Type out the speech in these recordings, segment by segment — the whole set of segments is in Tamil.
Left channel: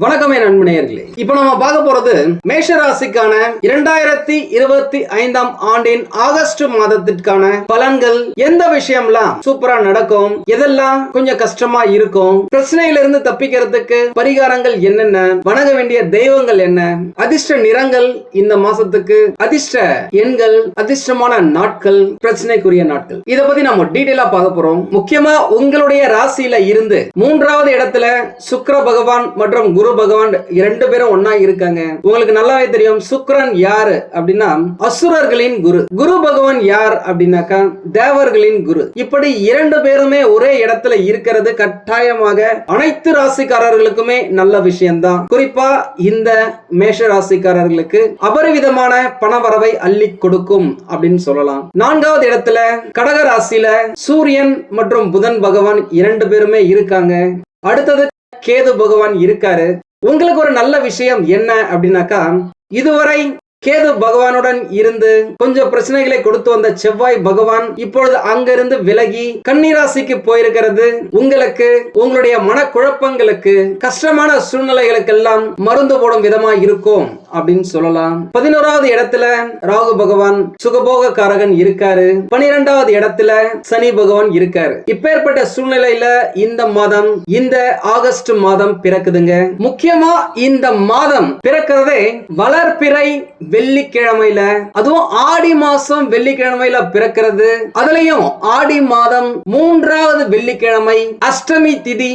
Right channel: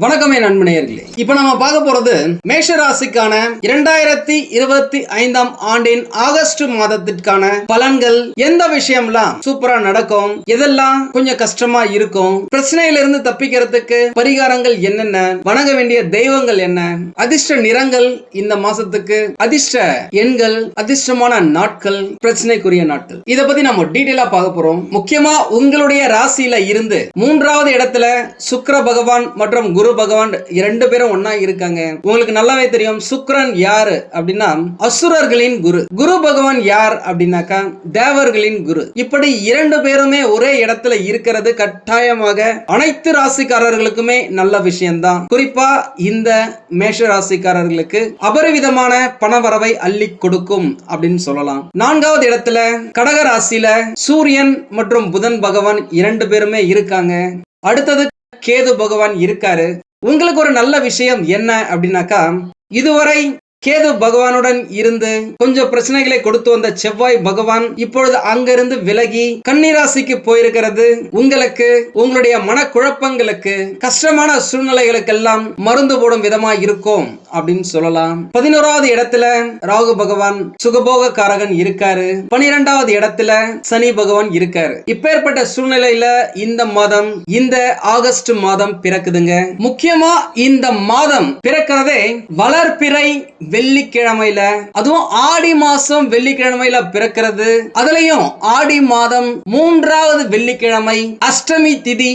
வணக்கமே நண்பனையர்களே இப்ப நம்ம பார்க்க போறது மேஷ ராசிக்கான இரண்டாயிரத்தி இருபத்தி ஐந்தாம் ஆண்டின் ஆகஸ்ட் மாதத்திற்கான பலன்கள் எந்த விஷயம்லாம் சூப்பரா நடக்கும்? எதெல்லாம் கொஞ்சம் கஷ்டமா இருக்கும்? பிரச்சனையில இருந்து தப்பிக்கிறதுக்கு பரிகாரங்கள் என்னென்ன? வணங்க வேண்டிய தெய்வங்கள் என்ன? அதிர்ஷ்ட நிறங்கள் இந்த மாசத்துக்கு அதிர்ஷ்ட எண்கள் அதிர்ஷ்டமான நாட்கள் பிரச்சனைக்குரிய நாட்கள். இதை பத்தி நம்ம டீட்டெயிலா பார்க்க போறோம். முக்கியமா உங்களுடைய ராசியில இருந்து மூன்றாவது இடத்துல சுக்கர பகவான் மற்றும் குரு பகவான் இரண்டு பேரும் ஒன்னா இருக்காங்க. உங்களுக்கு நல்லாவே தெரியும் சுக்கிரன் யாரு அப்படின்னா அசுரர்களின் குரு. குரு பகவான் யார் அப்படின்னாக்கா தேவர்களின் குரு. இப்படி இரண்டு பேருமே ஒரே இடத்துல இருக்கிறது கட்டாயமாக அனைத்து ராசிக்காரர்களுக்குமே நல்ல விஷயம்தான். குறிப்பா இந்த மேஷ ராசிக்காரர்களுக்கு அபரிவிதமான பணவரவை அள்ளி கொடுக்கும் அப்படின்னு சொல்லலாம். நான்காவது இடத்துல கடக ராசியில சூரியன் மற்றும் புதன் பகவான் இரண்டு பேருமே இருக்காங்க. அடுத்தது கேது பகவான் இருக்காரு. உங்களுக்கு ஒரு நல்ல விஷயம் என்ன அப்படின்னாக்கா இதுவரை கேது பகவானுடன் இருந்து கொஞ்சம் பிரச்சனைகளை கொடுத்து வந்த செவ்வாய் பகவான் இப்பொழுது அங்கிருந்து விலகி கன்னிராசிக்கு போயிருக்கிறது. உங்களுக்கு உங்களுடைய மனக்குழப்பங்களுக்கு கஷ்டமான சூழ்நிலைகளுக்கெல்லாம் மருந்து போடும் விதமா இருக்கும் அப்படின்னு சொல்லலாம். பதினோராவது இடத்துல ராகு பகவான் சுகபோக காரகன் இருக்காரு. பனிரெண்டாவது இடத்துல சனி பகவான் இருக்காரு. இப்பேற்பட்ட சூழ்நிலையில இந்த மாதம் இந்த ஆகஸ்ட் மாதம் பிறக்குதுங்க. முக்கியமா இந்த மாதம் பிறக்கிறதே வளர்ப்பிறை வெள்ளிக்கிழமையில அதுவும் ஆடி மாசம் வெள்ளிக்கிழமையில பிறக்கிறது. அதுலயும் ஆடி மாதம் மூன்றாவது வெள்ளிக்கிழமை அஷ்டமி திதி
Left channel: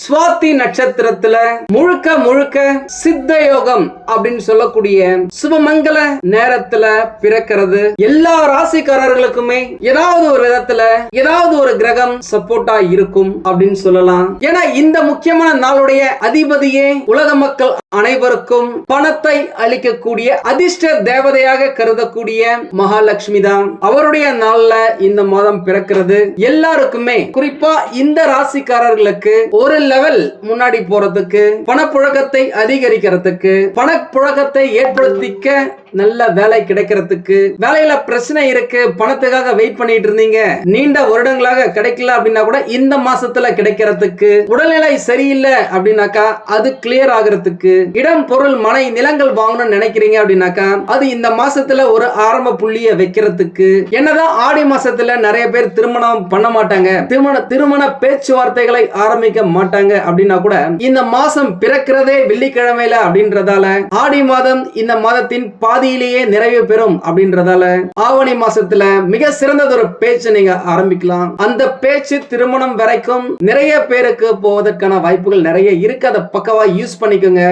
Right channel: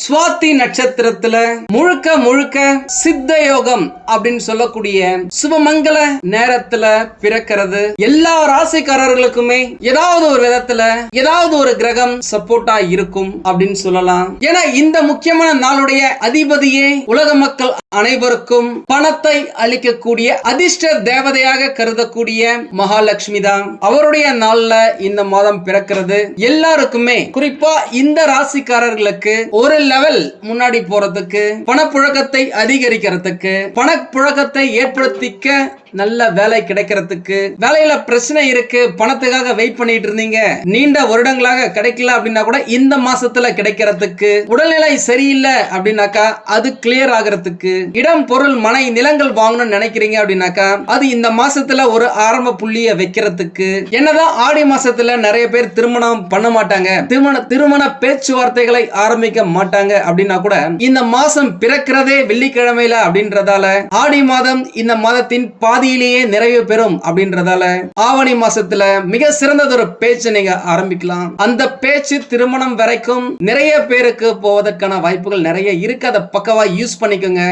சுவாதி நட்சத்திரத்துல முழுக்க முழுக்க சித்த யோகம் அப்படின்னு சொல்லக்கூடிய சுபமங்கல நேரத்துல பிறக்கிறது. எல்லா ராசிக்காரர்களுக்குமே ஏதாவது ஒரு விதத்துல ஏதாவது ஒரு கிரகம் சப்போர்ட்டா இருக்கும் அப்படின்னு சொல்லலாம். ஏன்னா இந்த முக்கியமான நாளுடைய அதிபதியே உலக மக்கள் அனைவருக்கும் பணத்தை அளிக்கக்கூடிய அதிர்ஷ்ட தேவதையாக கருதக்கூடிய மகாலட்சுமி தான். அவருடைய நாள்ல இந்த மாதம் பிறக்கிறது. எல்லாருக்குமே குறிப்பா இந்த ராசிக்காரர்களுக்கு ஒரு லெவல் முன்னாடி போறதுக்கு பணப்புழக்கத்தை அதிகரிக்கிறதுக்கு பணப்புழக்கத்தை ஏற்படுத்திக்க நல்ல வேலை கிடைக்கிறதுக்கு வேலையில பிரச்சனை இருக்கு பணத்துக்காக வெயிட் பண்ணிட்டு இருந்தீங்க நீண்ட வருடங்களாக கிடைக்கல அப்படின்னா கூட இந்த மாசத்துல கிடைக்கிறதுக்கு உடல்நிலை சரியில்லை அப்படின்னாக்கா அது கிளியர் ஆகிறதுக்கு இடம் பொருள் மனை நிலங்கள் வாங்கணும்னு நினைக்கிறீங்க அப்படின்னாக்கா அது இந்த மாசத்துல ஒரு ஆரம்ப புள்ளிய வைக்கிறதுக்கு. என்னதான் ஆடி மாசத்துல நிறைய பேர் திருமணம் பண்ண மாட்டாங்க திருமண திருமண பேச்சுவார்த்தைகளை ஆரம்பிக்க மாட்டாங்க அப்படின்னா கூட இந்த மாசம் பிறக்கிறதே வெள்ளிக்கிழமையில அப்படின்றதால ஆடி மாதம் இந்த மாதத்தின் பாதி பாதியிலேயே நிறைவு பெறும் அப்படின்றதால ஆவணி மாசத்துல மிக சிறந்ததொரு பேச்சை நீங்க ஆரம்பிக்கலாம். அந்த பேச்சு திருமணம் வரைக்கும் நிறைய பேருக்கு போவதற்கான வாய்ப்புகள் நிறைய இருக்கு. அதை பக்கவா யூஸ் பண்ணிக்கோங்க.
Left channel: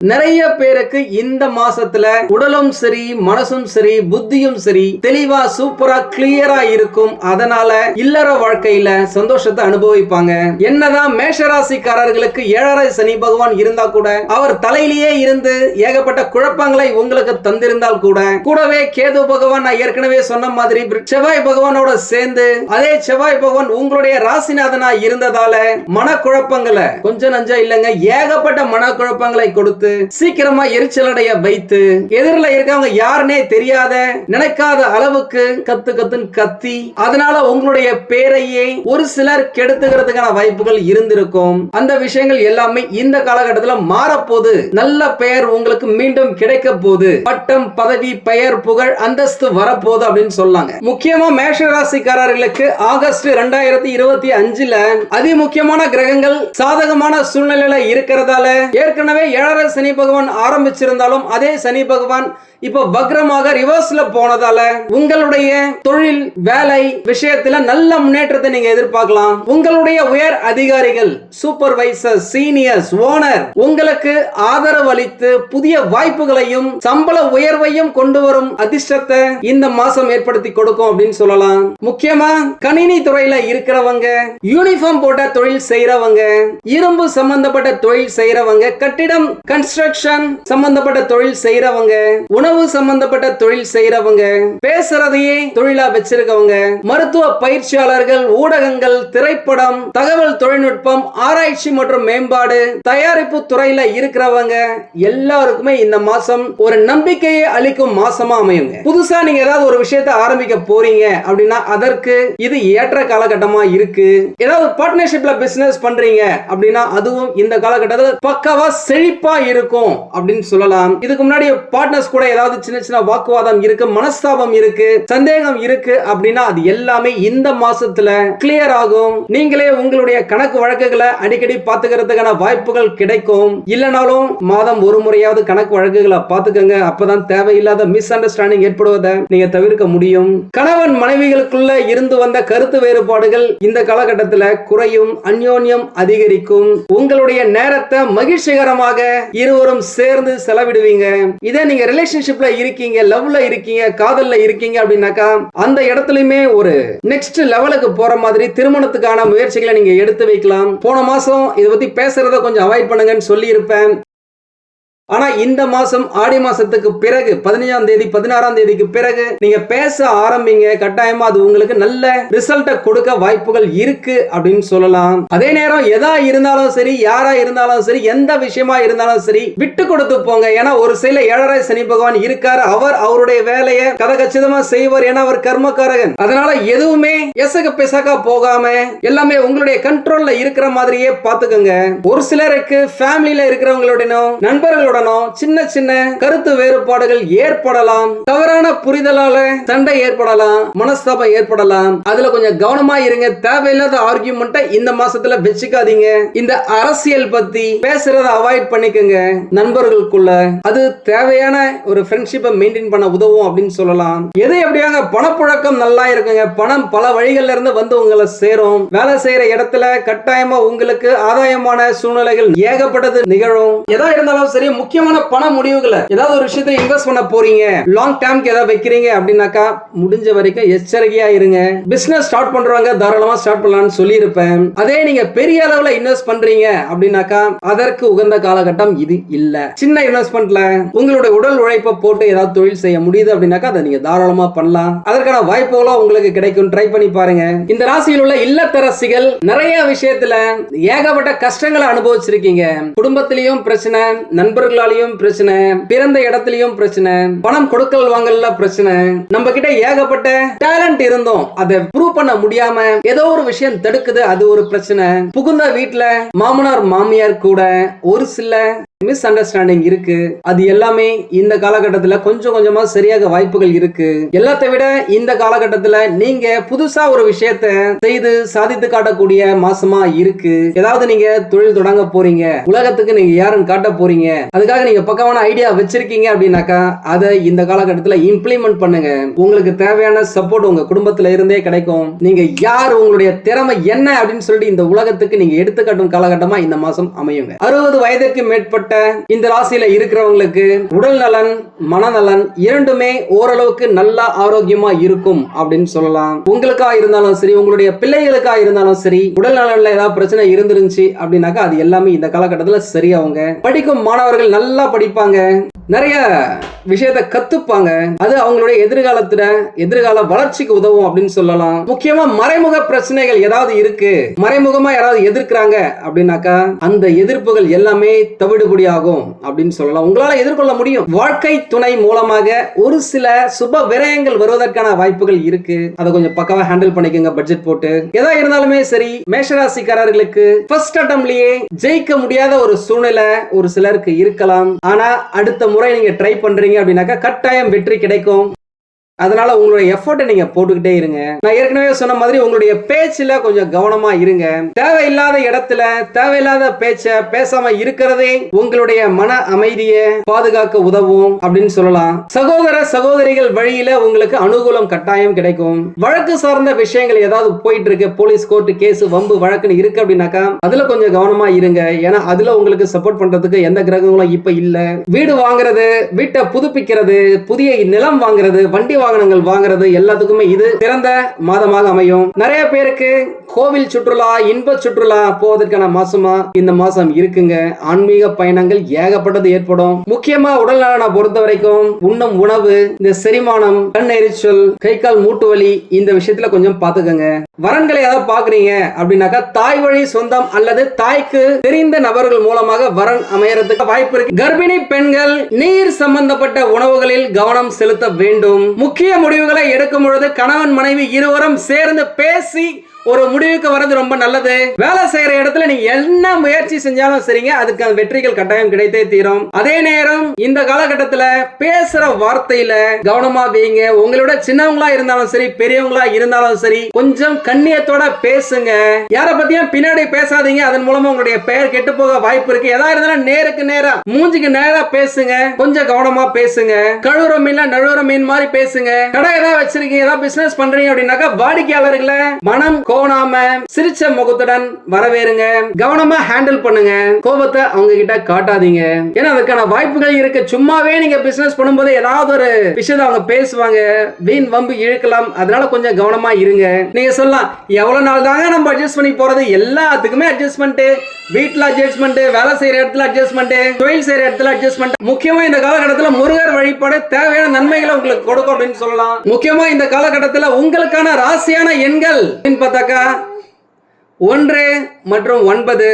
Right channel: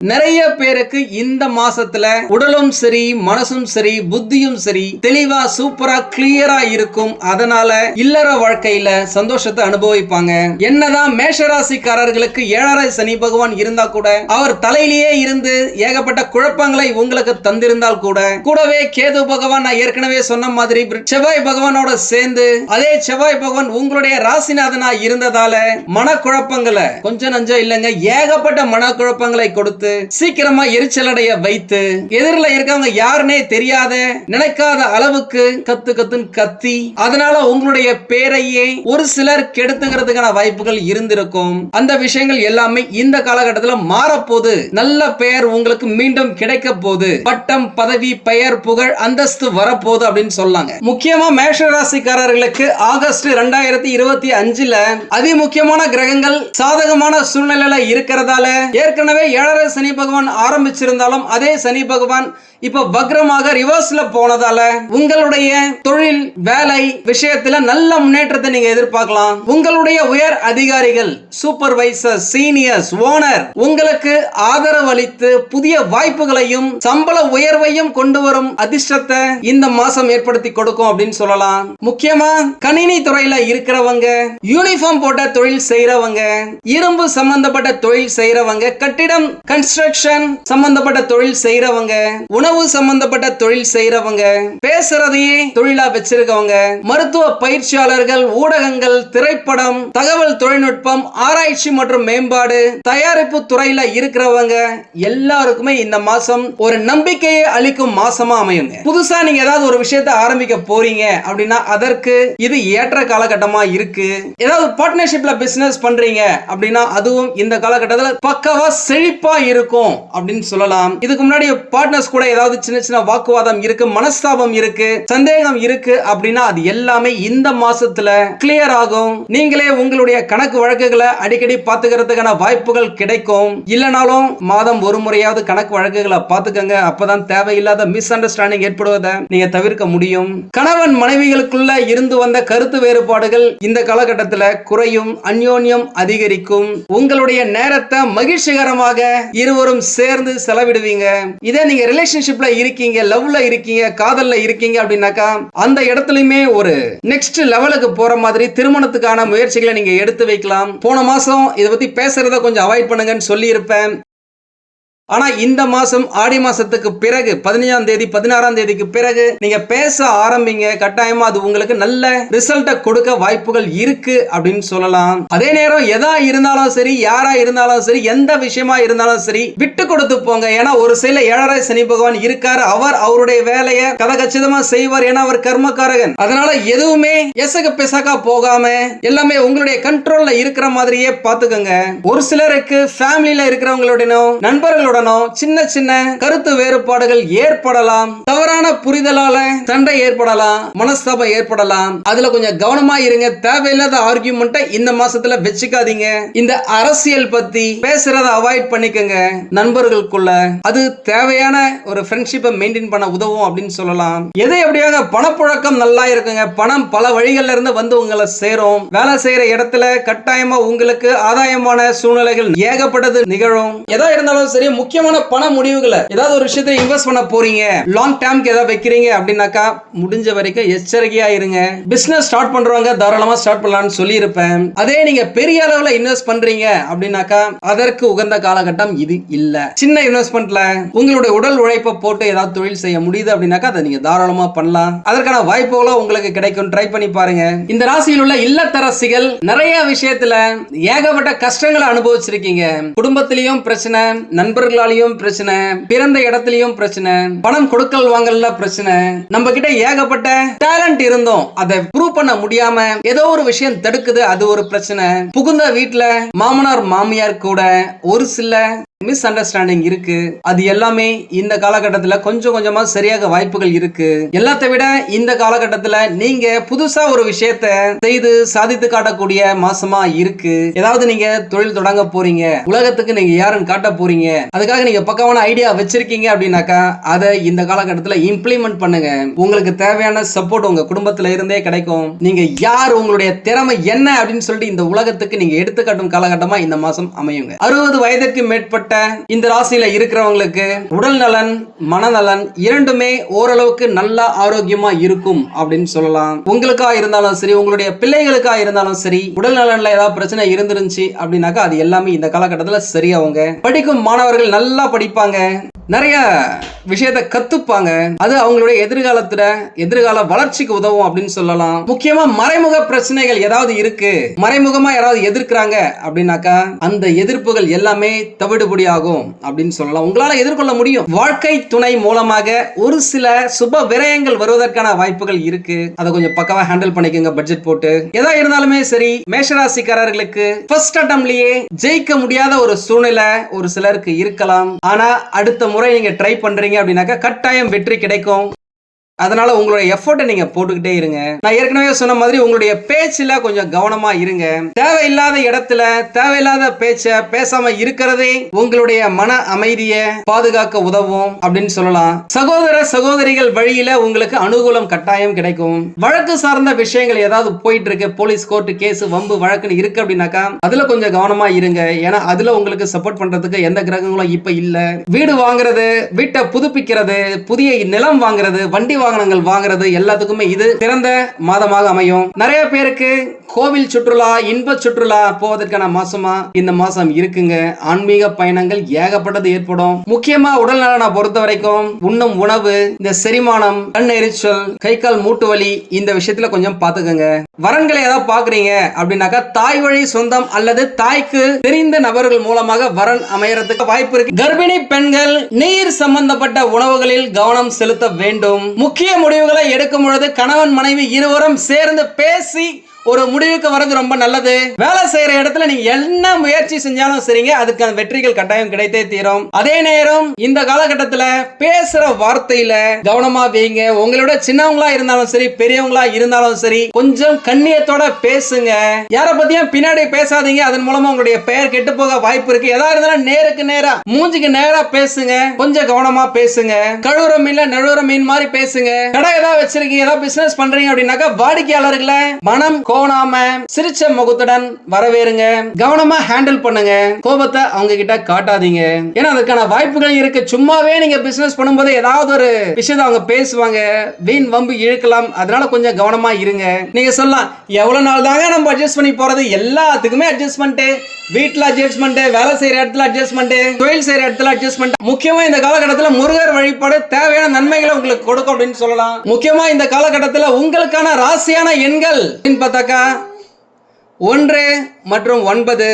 நிறைய பேருக்கு இந்த மாசத்துல உடலும் சரி மனசும் சரி புத்தியும் சரி தெளிவா சூப்பரா கிளியரா இருக்கும். அதனால இல்லற வாழ்க்கையில சந்தோஷத்தை அனுபவிப்பாங்க. என்னதான் மேஷராசிக்காரர்களுக்கு ஏழரை சனி பகவான் இருந்தா கூட அவர் தலையிலேயே இருந்து ஏகப்பட்ட குழப்பங்களை உங்களுக்கு தந்திருந்தால் கூட கூடவே கேது பகவான் நான் ஏற்கனவே சொன்ன மாதிரி செவ்வாய் பகவானோட சேர்ந்து அதே செவ்வாய் பகவான் உங்களுடைய ராசிநாதனா இருந்ததால மனக்குழப்பங்களை கொஞ்சம் நஞ்சம் இல்லைங்க ஏகப்பட்ட மனக்குழப்பங்களை கொடுத்து கொடுத்து சீக்கிரமா எரிச்சலடைய வைத்து எதிரில் இருக்கவங்க யாருன்னே தெரியாத நினைக்காத அளவுக்கு கத்து கத்துன்னு கத்தி அதனால உங்களுடைய பேரையே ஒரு சிலர் கெடுத்துக்கிறதுக்கான வாய்ப்புகள் இருந்திருக்கும். அந்த விஷயங்கள் எல்லாமே இந்த காலகட்டத்தில் மாறப்போது நல்ல பெயர் உங்களுக்கு மீண்டும் கிடைக்க போகுது. பட்டம் பதவி பெயர் புகழ் அந்தஸ்து வரப்போகுது அப்படின்னு சொல்லாங்க. முக்கியமா மேஷ ராசிக்காரர்களுக்கு ஆகஸ்ட் ரெண்டாயிரத்தி இருபத்தி அஞ்சுல அதி முக்கியமான கிரகங்கள் சாதகமான சூழ்நிலையில இருக்கிறதால ஏற்கனவே ஏழரை சனி பகவான் ஆரம்பிச்சிருந்தாலும் அதே சனி பகவான் இப்ப வக்ரமாக ரிவர்ஸ்ல போனதால உங்களுடைய தொழில் வேலை விஷயத்துல நல்ல முன்னேற்றத்தை நீங்க எதிர்பார்க்கலாம். உங்களுடைய உயர் அதிகாரிகள் சூப்பர்வைசர் சீனியர்ஸ் ஓனர் உங்களுக்கு ஆதரவு அளித்து புதிய வாய்ப்புகளையும் சம்பள உயர்வையும் கொண்டு வரும் அதிர்ஷ்டத்தை இந்த மாசம் ஏற்படுத்தி கொடுக்கும் அப்படின்னு சொல்லலாம். முக்கியமா கணினி துறையில இருக்கிறவங்க யூனிஃபார்ம் போட்ட தொழில் செய்யறவங்க இரும்பு சம்பந்தப்பட்ட தொழில் செய்யறவங்க கட்டிடம் கன்ஸ்ட்ரக்ஷன் சம்பந்தப்பட்ட தொழில் செய்யறவங்க உணவு சம்பந்தப்பட்ட தொழில் செய்யறவங்க பேசுறதையே தொழிலா வச்சிருக்கவங்க மருத்துவ பயிற்சியாளர்கள் ஊடகங்கள் திரைப்படம் தகவல் தொழில்நுட்பம் ஆராய்ச்சி மற்றும் மேம்பாடு தயாரிப்பு துறையில இருக்கிறவங்க எல்லாருக்குமே இந்த மாசம் ஒரு நம்பிக்கையை அளிக்கும் மாசமா அமையுங்க. புதுசா நீங்க ஏதாவது ஒரு விஷயத்தை ஆரம்பிக்க போறீங்க அப்படின்னா அதற்கு இது ஏற்ற காலகட்டமா இருக்கு. ஏதாவது பார்ட்னர்ஷிப்ல பிசினஸ் பண்றீங்க அப்படின்னா அதுவும் இந்த காலகட்டத்தில் பக்கவா செழிப்பா இருக்கும் அப்படின்னு சொல்லலாம். இதுக்கு முன்னாடி பார்ட்னர்ஸ் கூட ஏதாவது சின்ன சின்ன வாக்குவாதம் இருக்கு மனஸ்தாபம் இருக்கு சந்தேகம் இருக்கு அப்படின்னா அது எல்லாமே இந்த மாசத்துல கிளியர் ஆகும். நீங்களே உங்களுடைய கணக்கு வழக்குகளை அடிக்கடி பாத்துக்கிறதுக்கான வாய்ப்புகள் கிடைக்கும். இல்லைனாலும் மாதம் ஒரு முறையாவது கணக்கு வழக்குகளை பாத்துக்கங்க அப்பதான் தேவையில்லாத மிஸ் அண்டர்ஸ்டாண்டிங் ஏற்படுவதை நீங்க தவிர்க்க முடியும். கணவன் மனைவிகளுக்குள்ள இருந்து வந்த கருத்து வேறுபாடுகள் இந்த காலகட்டத்துல குறையும் அந்யோன்யம் அதிகரிக்கும். உங்களுடைய நேரத்தை மகிழ்ச்சிகரமாக இருவரும் சேர்ந்து செலவிடுவீங்க. இதே நீங்க ரிலேஷன்ஷிப்ல இருக்கீங்க லவ்ல இருக்கீங்க காதல்ல இருக்கீங்க அப்படின்னாக்கா அந்த இடத்துலயுமே ஒரு நெக்ஸ்ட் லெவலுக்கு போற மாதிரி திருமணத்துக்கான முயற்சிகளை நீங்க எடுத்து வைக்கலாம். போன மாசம் இதை பத்தி பேசுறத கொஞ்சம் அவாய்ட் பண்ணுங்கன்னு சொல்லி இருப்பேன் ஆனா இந்த மாசம் ஆடி மாசத்துக்கு பிறகு பதினஞ்சாம் தேதி பதினாறாம் தேதிக்கு பிறகு நீங்க பேச ஆரம்பிங்க. கட்டாயமா அது உங்களுக்கு நல்ல ரிசல்ட்டை கொடுக்க வாய்ப்புகள் இருக்கு அப்படின்னு சொல்லலாம். அதே நேரம் எதா இருந்தாலும் சரி யாரா இருந்தாலும் சரி எந்த விஷயமா இருந்தாலும் சரி விட்டு கொடுத்து போங்க. ஏன்னா ஒரு சில ஏழரை சனி பகவான் இருக்காரு. அவர் அவருடைய வேலையை கதகச்சிதமா செய்வார். ஏன்னா அவர் கர்மக்காரகன். அதனால எதுவுமே எசக பிசகா போகாம எல்லாமே உங்களுடைய கண்ட்ரோல்ல இருக்கிற மாதிரியே பாத்துக்கோங்க ஒரு சிலருக்கு ஃபேமிலியில இருக்கிறவங்களுடனும் நண்பர்களுடனும் சின்ன சின்ன கருத்து வேறுபாடுகள் ஏற்படலாம். தவறான புரிதலால சண்டை ஏற்படலாம். மனஸ்தாபம் ஏற்படலாம். அதுல கொஞ்சம் கவனமா இருங்க. தேவையில்லாத ஆர்கியூமெண்ட்டை இந்த மாசத்துல வச்சுக்காதீங்க. இந்த அரசியல் பத்தி பேசுறத அவாய்ட் பண்ணிக்கங்க. நண்பர்களுக்குள்ள அது தேவையான ஒரு ஃப்ரெண்ட்ஷிப்பை மெயின்டைன் பண்ண உதவும் அப்படின்னு சொல்லலாம். எது எப்படியாங்க பணப்புழக்கம் நல்லா இருக்குங்க. பணம் பல வழிகள்ல இருந்து வந்து உங்களை சேரும். வேலை செய்யற இடத்துல கட்டாயமா உங்களுக்கு ஆதாயமான சூழ்நிலைகள் ஏகப்பட்டது நிகழும். எதா இருந்தாலும் சரி முக்கியமான பண முடிவுகளை ஏதாவது ஒரு விஷயத்தை இன்வெஸ்ட் பண்ண போறீங்க லாங் டேர்ம்க்கு ஏதாவது வைக்கிறீங்க அப்படின்னாக்கா முடிஞ்ச வரைக்கும் எச்சரிக்கையா இருங்க. பிசினஸ் ஸ்டார்ட் பண்றவங்க தாராளமா ஸ்டார்ட் பண்ணலாம்னு சொல்லியிருப்பேன். அதே நீங்க பெரிய அளவுல இன்வெஸ்ட் பண்றீங்க அப்படின்னாக்கா அதற்கு உகந்த காலகட்டம் இது இல்ல. சின்ன இன்வெஸ்ட்மெண்ட்ல உங்களுடைய உடல் உழைப்பை போட்டு ஏதாவது தொழில் செய்ய முடியுது அப்படின்னாக்கா அதை நீங்க தாராளமா பண்ணலாம். அதற்கான வாய்ப்புகளும் உங்களுக்கு கிடைக்கும். ட்ரை பண்ணி பாருங்க. இந்த ராசியில் உள்ள இல்லத்தரசிகள் நிறைய விஷயத்துல ஏகப்பட்ட கஷ்டங்களை அனுபவிச்சிருக்கீங்க. குடும்பத்திலையும் பிரச்சனை நண்பர்கள் நண்பர்களாலையும் பிரச்சனை பிறந்த இடத்துலயும் பிரச்சனை பணம் கொடுக்கல் வாங்கல பிரச்சனை. நம்ம கிட்ட ஏகப்பட்ட டேலண்ட் இருந்தோம் அதை ப்ரூவ் பண்ண முடியாம ஏதோ ஒரு விஷயம் தடுக்குது அது ஒரு பிரச்சனை. புகுந்த வீட்டுல மாமனார் மாமியார் கூட ஒரு சில மிஸ் அண்டர்ஸ்டாண்டிங் இருக்கு. அது எல்லாமே இந்த காலகட்டத்தில் கொஞ்சம் கொஞ்சமா சரியாக வாய்ப்புகள் இருக்கு. எல்லாத்தை விட இந்த காலகட்டத்தில் நீங்க புதுசா ஒரு விஷயத்த செய்து சாதித்து காட்டக்கூடிய மாசமா இருக்கு. ஏதாவது நீங்க தொழில் தொடங்க போறீங்க. உலகத்துக்கு நீங்க யாருன்னு காட்ட போறீங்க. அதுக்காக நீங்க பக்கமான ஐடியா வச்சிருக்கீங்க அப்படின்னாக்கா அதை இந்த காலகட்டத்தில் இம்ப்ளிமெண்ட் பண்ணுங்க. உங்களுக்கு தேவையான சப்போர்ட் உங்க குடும்பத்துல இருந்தே கிடைக்கும். நீங்க யார் உங்களுடைய திறமை என்ன அப்படின்னு சொல்லிட்டு இந்த உலகத்துக்கு நீங்க எடுத்துக்காட்டும் காலகட்டமா இந்த மாசம் அமையுங்க. அறுபது வயதுக்கு மேற்பட்ட இந்த ராசியில இருக்கிறவங்களுக்கு உடல் நலன் மனநலன் இரண்டுமே ஓரளவுக்கு நல்ல ஆரோக்கியமா இருக்கும் அப்படின்னு சொல்லலாம். உங்களுக்கா இருந்தாலும் சரி உங்களுடைய பிள்ளைகளுக்கா இருந்தாலும் சரி உடல் நலன்ல ஏதாவது பிரச்சனை இருந்துருந்துச்சு அப்படின்னாக்கா அது எல்லாமே இந்த காலகட்டத்துல சரியாவுங்க படிக்கும் மாணவர்கள் நல்லா படிப்பாங்க. நிறைய விஷயத்தை கத்துப்பாங்க. அது அவங்களுடைய எதிர்காலத்துல எதிர்கால வளர்ச்சிக்கு உதவும் அப்படின்னு சொல்லலாம். முக்கியமா மறைமுக பிரச்சனைகள் ஏதாவது இருக்கு. மறைமுகமா யாராவது எதிர்க்கிறாங்க அப்படின்னாக்கா அந்த எதிர்ப்புகள் எல்லாமே தவிடுபடி ஆகும் அப்படின்னு சொல்லலாம். உங்களால எதிர்கொள்ள முடியும். வாழ்க்கை துணை மூலமாக ஒரு சில சுப விரயங்கள் வருவதற்கான வாய்ப்புகள் இருக்கு. அதை கொஞ்சம் பக்கவா ஹேண்டில் பண்ணிக்கோங்க பட்ஜெட் போட்டு. எதா இருந்தாலுமே சரி மேஷராசிக்காரர்களுக்கு ஃபர்ஸ்ட் அட்டம்லயே ஜெயிக்க முடியாத ஒரு சூழ்நிலை ஒரு சிலருக்கு இருக்கலாம். ஆனா அடுத்த முறை நீங்க ட்ரை பண்றீங்க அப்படின்னாக்கா கட்டாயம் வெற்றி கிடைக்கும். அதனால உங்களுடைய எஃபோர்ட்டை நீங்க போட்டுக்கிட்டே இருங்க. நான் ஏற்கனவே சொன்ன மாதிரி உங்களுடைய பேச்சுல கொஞ்சம் கவனமா இருங்க. தேவையில்லாத இடத்துல தேவையில்லாத பேச்ச பேசாம இருக்கிறதே உங்களுடைய மன அமைதியை பாதுகாக்க உதவும் அப்படின்னு சொல்லலாம். சகோதர சகோதரிகள் வழியில உங்களுக்கு அனுகூலம் கட்டாயம் கிடைக்கும். வழக்கு சார்ந்த விஷயங்கள் ஏதாவது போயிட்டு இருக்கு போலீஸ் கோர்ட் கேஸ் வம்பு வழக்குன்னு இருக்கு அப்படின்னாக்கா அதுல கொஞ்சம் கவனமா இருங்க. ஏன்னா அதுல உங்களுக்கு சப்போர்ட் பண்றதுக்கு எந்த கிரகங்களும் இப்ப இல்ல. வீடு வாங்குறது வீட்டை புதுப்பிக்கிறது புதிய நிலம் வாங்குறது வண்டி வாகனங்கள் வாங்குறது எல்லாத்துக்குமே இது சிறந்த மாதமாக அமையும். நிறைய பேருக்கு கோவில் சுற்றுலா இன்ப சுற்றுலா போவதற்கான மாசமா இந்த மாசம் இருக்குங்க. ஆன்மீக பயணங்கள் ஏகப்பட்டது ஏற்படும். முக்கியமா உடல் நலனை பொறுத்த வரைக்கும் உண்ணும் உணவு இந்த செரிமானம் கண் எரிச்சல் கை கால் மூட்டு வலி இந்த விஷயத்துல கொஞ்சம் பாத்துக்கோங்க வரன்களை ஏதாவது பாக்குறீங்க அப்படின்னாக்கா தாய் வழி சொந்தம் அல்லது தாய்க்கு தெரிந்த நபர்கள் மூலமாக வரன் அமையறதுக்கு வாய்ப்பு இருக்கு. கர்ப்பிணி பெண்கள் நீர் சம்பந்தப்பட்ட உணவுகளில் கவனம் செலுத்த வேண்டும். முக்கிய முடிவுகளை எடுக்கும் பொழுது கணவன் மனைவி இருவரும் சேர்ந்து பேசி ஒரு முடிவுக்கு வர்றது ரொம்ப நல்லது. வேலை செய்யற இடத்துல நீங்க என்ன முயற்சி செஞ்சாலும் சரிங்க அதுக்கு வெற்றிகள் கட்டாயம் கிடைத்தே தீரும். அதே நேரம் இந்த காலகட்டத்துல பேசுற வார்த்தையில கவனமா வைங்க. உங்களோட சின்னவங்களா இருந்தாலும் சரி பெரியவங்களா இருந்தாலும் சரி கொஞ்சம் கண்ணியத்தோட பேசுங்க. யார பத்தியும் பின்னாடி பேசாதீங்க. அதன் மூலமா உங்களுடைய பெயர் கெட்டு போக வாய்ப்பு இருக்கு. எதா இருந்தாலும் நேருக்கு நேரா மூஞ்சுக்கு நேரா பேசுங்க. கொஞ்சம் கவனமா பேசுங்க. கழுவுற மீன்ல நழுவுற மீன் மாதிரி பேசுங்க. கடை ஏதாவது வச்சிருக்கீங்க ஏதாவது பிசினஸ் பண்றீங்க அப்படின்னாக்கா வாடிக்கையாளர்களை மனம் கோணாம சிரிச்ச முகத்துடன் வரவேறுங்க. கவனமா ஹேண்டில் பண்ணுங்க. கோபத்தை அவங்க கிட்ட காட்டாதீங்க. ஏன்னா அதுக்கான வாய்ப்புகள் இருக்கு. சும்மாவே நீங்க பிசினஸ் பண்ணும்போது ஏதாவது ஒரு விஷயத்தை அவங்க பேசுவாங்க. வீண் வம்பு இழுக்கலாம். அதனால கொஞ்சம் கவனமா இருங்க. நீங்க சொல்லலாம் எவ்வளவு நாள் தாங்க நம்ம அட்ஜஸ்ட் பண்ணி போறது? எல்லாத்துக்குமே அட்ஜஸ்ட்மெண்ட் வீட்டுல அட்ஜஸ்ட்மெண்ட் வேலை செய்யற இடத்துல அட்ஜஸ்ட்மெண்ட் தொழில் செய்யற இடத்துல அட்ஜஸ்ட்மெண்ட் முக்கியமா இந்த காலகட்டத்தில் முருகர் வழிபாடு தேவையான நன்மைகளை உங்களுக்கு கொடுக்கும் அப்படின்னு சொல்லலாம். முக்கியமா இந்த காலகட்டத்தில் உங்களுக்கான ராசியான எண்கள் அப்படின்னு பார்த்தாக்கா ஒன்று மற்றும் ஒன்பது.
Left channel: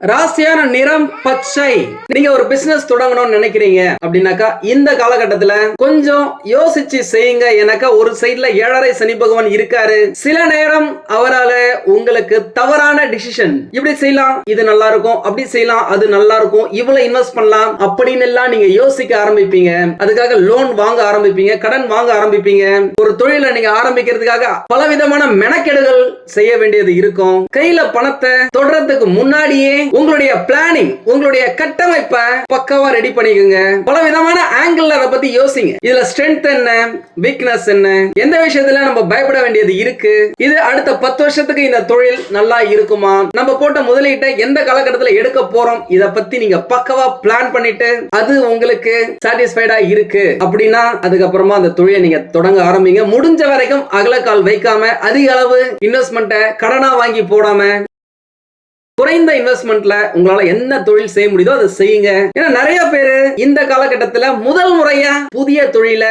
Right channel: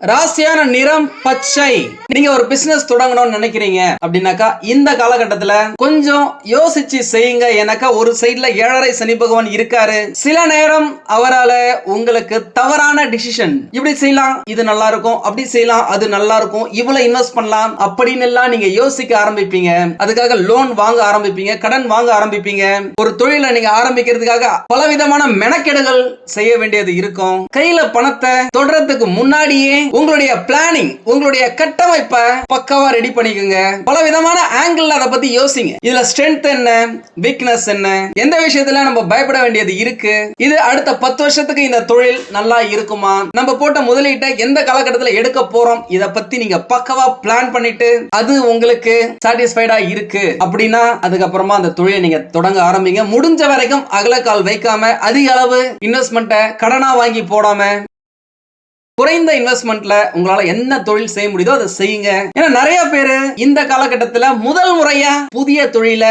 ராசியான நிறம் பச்சை. நீங்க ஒரு பிசினஸ் தொடங்கணும்னு நினைக்கிறீங்க அப்படின்னாக்கா இந்த காலகட்டத்துல கொஞ்சம் யோசிச்சு செய்யுங்க. எனக்கா ஒரு சைட்ல ஏழரை சனி பகவான் இருக்காரு. சில நேரம் அவரால உங்களுக்கு தவறான டிசிஷன் இப்படி செய்யலாம் இது நல்லா இருக்கும் அப்படி செய்யலாம் அது நல்லா இருக்கும் இவ்வளவு இன்வெஸ்ட் பண்ணலாம் அப்படின்னு எல்லாம் நீங்க யோசிக்க ஆரம்பிப்பீங்க. அதுக்காக லோன் வாங்க ஆரம்பிப்பீங்க கடன் வாங்க ஆரம்பிப்பீங்க. ஒரு தொழிலை நீங்க ஆரம்பிக்கிறதுக்காக பலவிதமான மெனக்கெடுகள் செய்ய வேண்டியது இருக்கும். கையில பணத்தை தொடர்றதுக்கு முன்னாடியே உங்களுடைய பிளானிங் உங்களுடைய கட்டமைப்பை பக்காவா ரெடி பண்ணிக்கோங்க. பல விதமான ஆங்கிள் அதை பத்தி யோசிங்க. இதுல ஸ்ட்ரென்த் என்ன வீக்னஸ் என்ன எந்த விஷயத்துல நம்ம பயப்பட வேண்டியது இருக்கு இது அடுத்த பத்து வருஷத்துக்கு இந்த தொழில் நல்லா இருக்குமா நம்ம போட்ட முதலீட்டை எந்த காலகட்டத்துல எடுக்க போறோம் இத பத்தி நீங்க பக்கவா பிளான் பண்ணிட்டு அது உங்களுக்கு சாட்டிஸ்ஃபைடா இருக்கு அப்படின்னா அதுக்கப்புறமா அந்த தொழிலை நீங்க தொடங்க ஆரம்பிங்க. முடிஞ்ச வரைக்கும் அகலக்கால் வைக்காம அதிக அளவு இன்வெஸ்ட்மெண்ட்டை கடனா வாங்கி போடாம குறைந்த இன்வெஸ்ட்மெண்ட்ல உங்களால என்ன தொழில் செய்ய முடியுதோ அதை செய்யுங்க. ஏன்னா நிறைய பேரு இந்த காலகட்டத்துல முதல் முறையா புதிய தொழில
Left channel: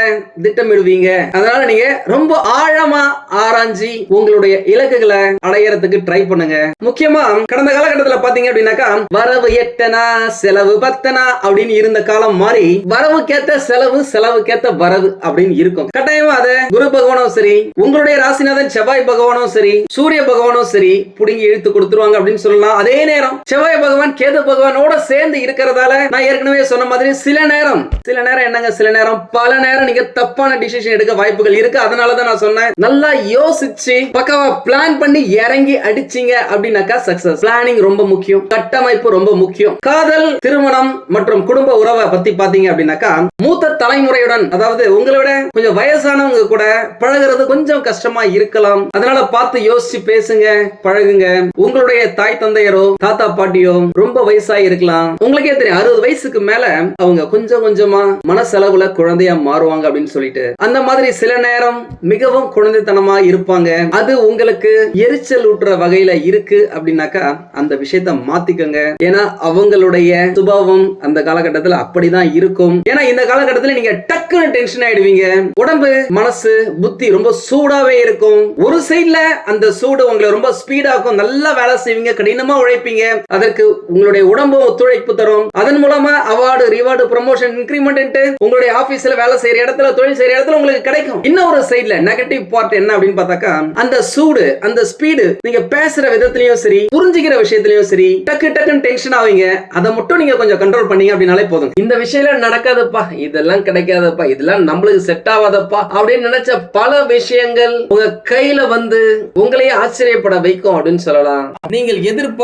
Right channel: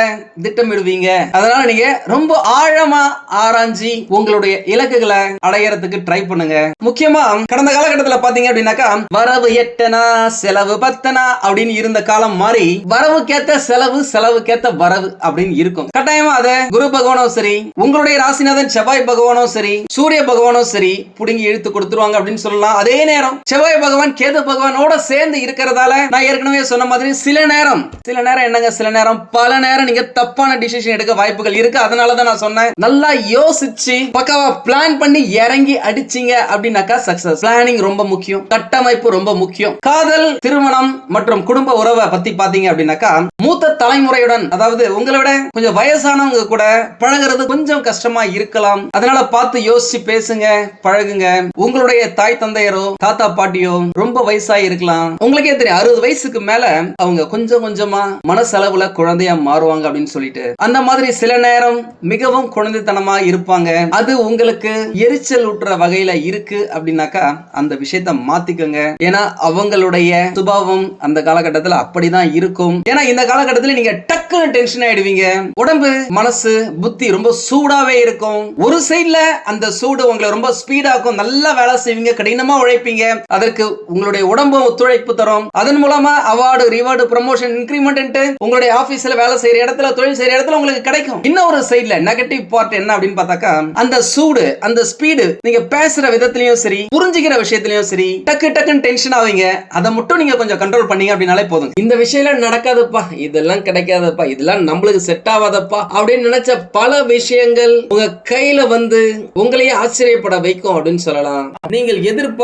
திட்டமிடுவீங்க. அதனால நீங்க ரொம்ப ஆழமா ஆராய்ஞ்சி உங்களுடைய இலக்குகளை அடையறதுக்கு ட்ரை பண்ணுங்க. முக்கியமா கடந்த காலகட்டத்துல பாத்தீங்க அப்படின்னாக்கா வரவு எட்டனா செலவு பத்தனா அப்படின்னு இருந்த காலம் மாறி வரவுக்கேத்த செலவு செலவுக்கேத்த வரவு அப்படின்னு இருக்கும். கட்டாயமா அதை குரு பகவானும் சரி உங்களுடைய ராசிநாதன் செவ்வாய் பகவானும் சரி சூரிய பகவானும் சரி புடுங்கி இழுத்து கொடுத்துருவாங்க அப்படின்னு சொல்லலாம். அதே நேரம் செவ்வாய் பகவான் கேது பகவானோட சேர்ந்து இருக்கிறதால நான் ஏற்கனவே சொன்ன மாதிரி சில நேரம் சில நேரம் என்னங்க சில நேரம்? பல நேரம் நீங்க தப்பான டிசிஷன் எடுக்க வாய்ப்புகள் இருக்கு. அதனாலதான் நான் சொன்னேன். நல்லா யோசிச்சு பக்காவா பிளான் பண்ணி இறங்கி அடிச்சீங்க அப்படின்னாக்கா சக்சஸ் பிளானிங் ரொம்ப முக்கியம். கட்டமைப்பு ரொம்ப முக்கியம். காதல் திருமணம் மற்றும் குடும்ப உறவை பத்தி பாத்தீங்க அப்படின்னாக்கா மூத்த தலைமுறையுடன் அதாவது உங்களோட கொஞ்சம் வயசானவங்க கூட பழகுறது கொஞ்சம் கஷ்டமா இருக்கலாம். அதனால பார்த்து யோசிச்சு பேசுங்க பழகுங்க. உங்களுடைய தாய் தந்தை தந்தையரோ தாத்தா பாட்டியோ ரொம்ப வயசா இருக்கலாம். உங்களுக்கே தெரியும் அறுபது வயசுக்கு மேல அவங்க கொஞ்சம் கொஞ்சமா மனசளவுல குழந்தையா மாறுவாங்க அப்படின்னு சொல்லிட்டு. அந்த மாதிரி சில நேரம் மிகவும் குழந்தைத்தனமா இருப்பாங்க. அது உங்களுக்கு எரிச்சல் ஊட்டுற வகையில இருக்கு அப்படின்னாக்கா அந்த விஷயத்த மாத்திக்கோங்க. ஏன்னா அவங்களுடைய சுபாவம் அந்த காலகட்டத்துல அப்படிதான் இருக்கும். ஏன்னா இந்த காலகட்டத்துல நீங்க டக்குன்னு டென்ஷன் ஆயிடுவீங்க. உடம்பு மனசு புத்தி ரொம்ப சூடாவே இருக்கும். ஒரு சைடுல அந்த சூடு உங்களை ரொம்ப ஸ்பீடாக்கும் நல்லா வேலை செய்வீங்க. கடினமா உழைப்பீங்க. அதற்கு உங்களுடைய உடம்பு ஒத்துழைப்பு தரும். அதன் மூலமா அவார்டு ரிவார்டு ப்ரமோஷன் இன்க்ரிமெண்ட் உங்களுடைய ஆபீஸ்ல வேலை செய்யற இடத்துல தொழில் செய்யற இடத்துல உங்களுக்கு கிடைக்கும். ஒரு சைடுல நெகட்டிவ் பார்ட் என்ன அப்படின்னு பார்த்தாக்கா அந்த சூடு அந்த ஸ்பீடு நீங்க பேசுற விதத்திலயும் சரி புரிஞ்சுக்கிற விஷயத்திலயும் சரி டக்கு டக்குன்னு டென்ஷன் ஆவீங்க. அதை மட்டும் நீங்க கொஞ்சம் கண்ட்ரோல் பண்ணீங்க அப்படின்னாலே போதும். இந்த விஷயம் நடக்காதப்பா. இதெல்லாம் கிடைக்காதப்பா. இதெல்லாம் நம்மளுக்கு செட் ஆகாதப்பா அப்படின்னு நினைச்ச பல விஷயங்கள் உங்க கையில வந்து உங்களையே ஆச்சரியப்பட வைக்கும் அப்படின்னு சொல்லலாம். நீங்கள் எதிர்பார்த்த